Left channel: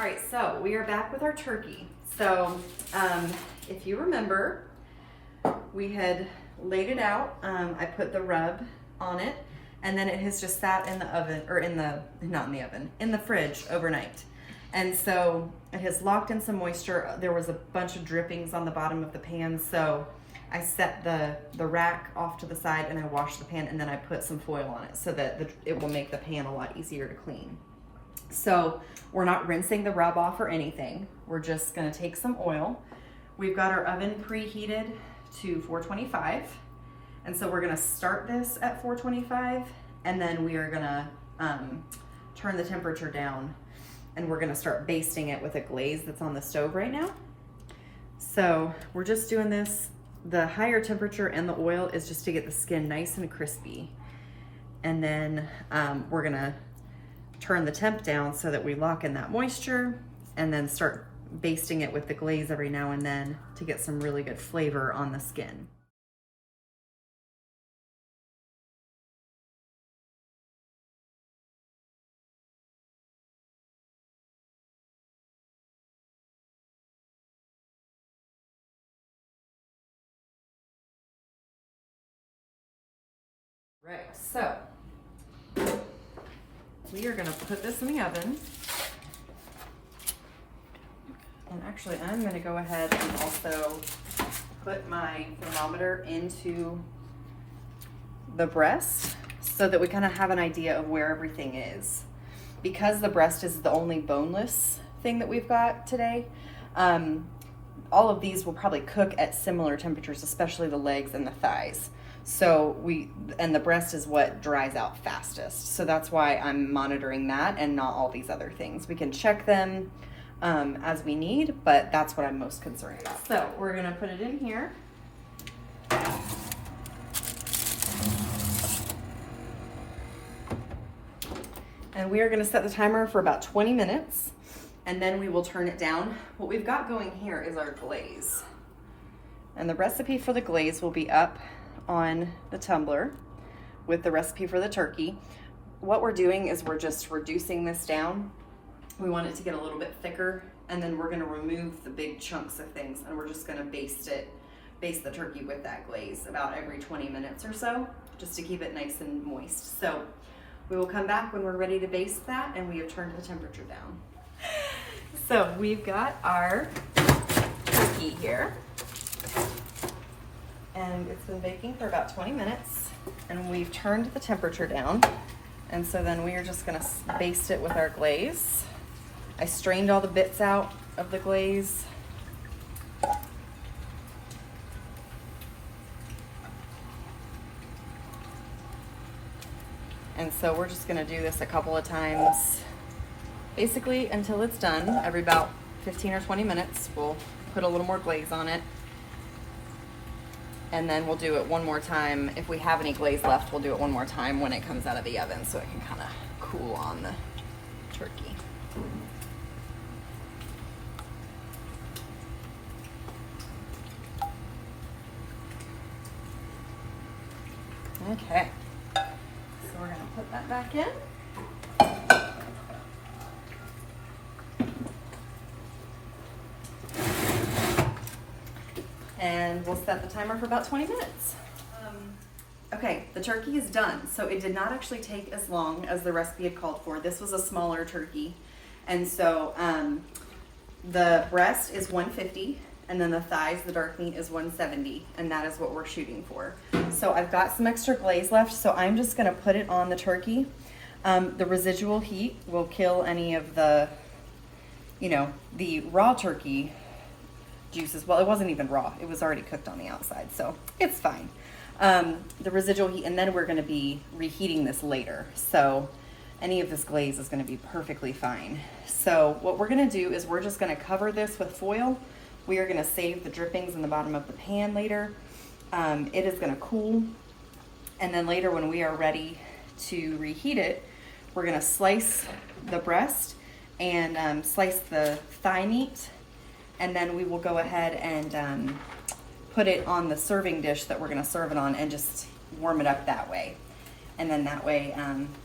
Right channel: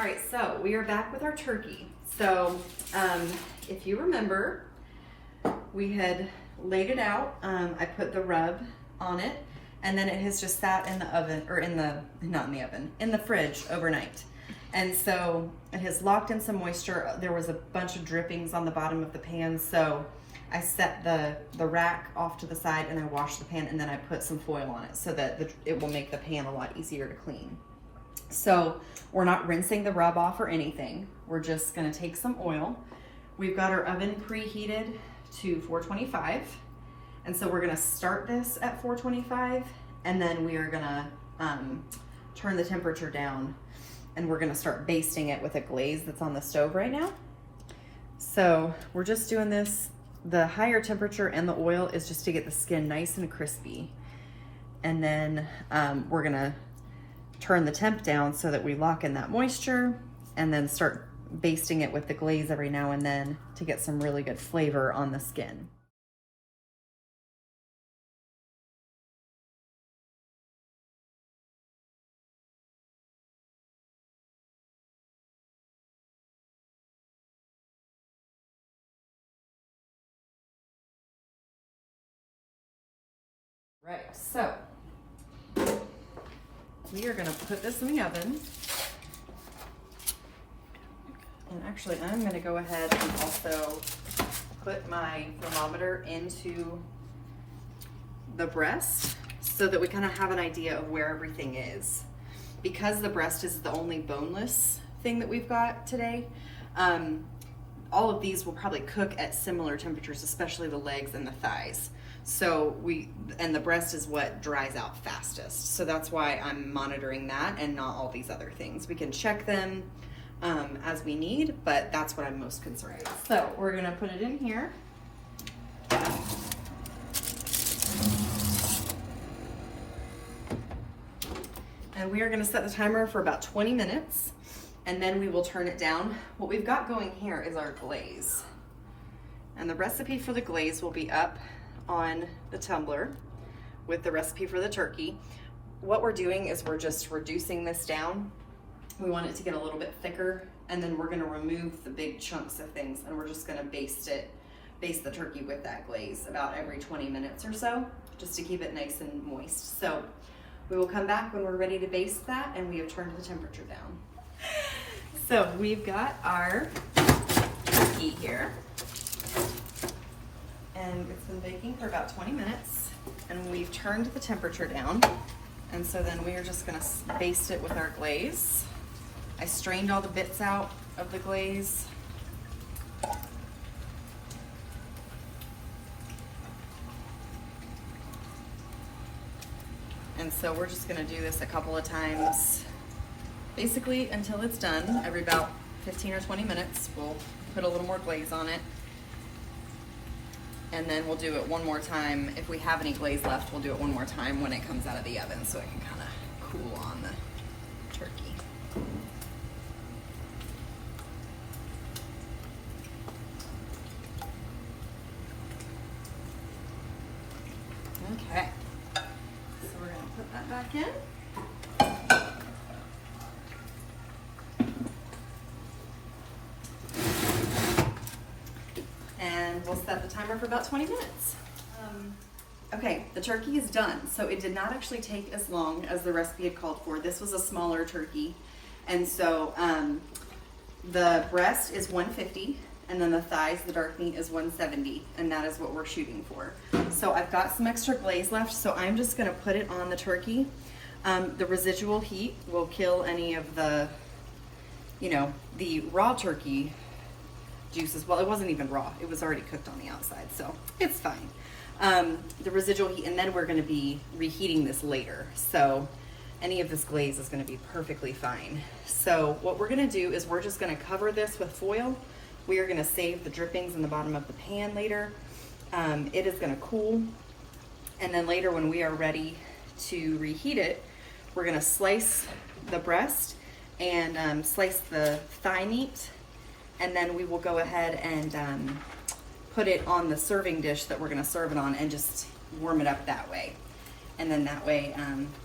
All right, so we are back with our turkey. So if you remember, we had laid it out. I put the rub on it, and then it has just sat in the oven, or not in the oven, in the fridge overnight. And so it has locked in some moisture. There was a bunch of drippings on the bottom of the pan, so I set the rack off to the side and I washed the pan, and then I put some foil on it so that it will make the pan a lot easier to clean. So we're not rinsing the rub off or anything. We're just gonna take some oil. We've got our oven preheated to 425. And so we're gonna start this at 425, and then we are gonna turn the temperature down, and we're gonna start basting it with a glaze that's on the stove right now. So we're just doing this. The higher temperature and the oil is just to get the skin nice and crispy. And then we're gonna turn the temp down so that we lock in that moisture, and then start basting it with the glaze every now and then to get some really good flavor on the skin. Right, so we are gonna put this in the oven. And actually, I'm gonna go ahead and also put my thermometer into the breast so that we kind of have an idea of where everything is. Because the breast is the only boneless thing that we've got today, all of these will probably cook at similar temperatures, especially the legs and the thighs. So and the breast is what dries out fastest. So that's why I'm monitoring that and not all these other things. We can check them as we need, but that's what I'm most concerned about. So we're gonna put it in here. And we are gonna set the timer for about 20 minutes, and then we will turn it down. What we've got going here is our glaze. And the recipe for the glaze will be up on the tumbler with the recipe for the turkey. What we're doing is we're just reducing this down. We want it to get a little bit thicker, and then we're gonna remove the big chunks of things, and we're just gonna baste the turkey with that glaze about every 20 minutes or so, just to keep it nice and moist. So we will come back when we're ready to baste that, and we have turned the temperature down. So we've got our turkey here, and it's been baking for about 20 minutes, and we've turned the temperature down. And so then we are just gonna baste it with our glaze. I strained all the bits out of the glaze. And so we're just gonna do this a couple of times, basically until it's done. Every about 15 or 20 minutes, we'll put a little more glaze on it. And then we'll do it one more time. If we have any glaze left, we'll do it one more time when it comes out of the oven so it can kind of cool on the turkey. Okay, so we're gonna put that back in. And we'll set the timer for about 20 minutes. Okay, the turkey is done. So it did not actually take as long as the recipe had called for. This was a smaller turkey. And so the breast is 150, and then the thighs, the dark meat, is 170, and that is what we're shooting for. So I've got some extra glaze left, so I'm just gonna put it on the turkey. The residual heat will kill any of the, the raw turkey juices. Well, it wasn't even raw. It was already cooked on the outside, so it's fine. The residual heat, and then we're gonna be reheating this later. So any of this glaze is gonna be perfectly fine. So what we're gonna do is we're just gonna cover this with foil. We are gonna save the drippings in the bottom of the pan later. It is gonna cool. And then later when we are ready to reheat it, we're gonna slice the breast and slice the thigh meat. And then we will go ahead and put it on the serving dish that we're gonna serve it on and just warm it up that way. And then that way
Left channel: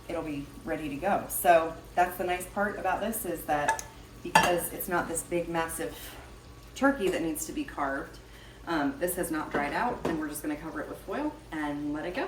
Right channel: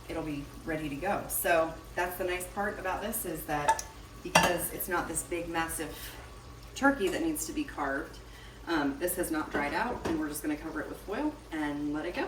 it'll be ready to go. So that's the nice part about this, is that because it's not this big, massive turkey that needs to be carved. This has not dried out, and we're just gonna cover it with foil and let it go.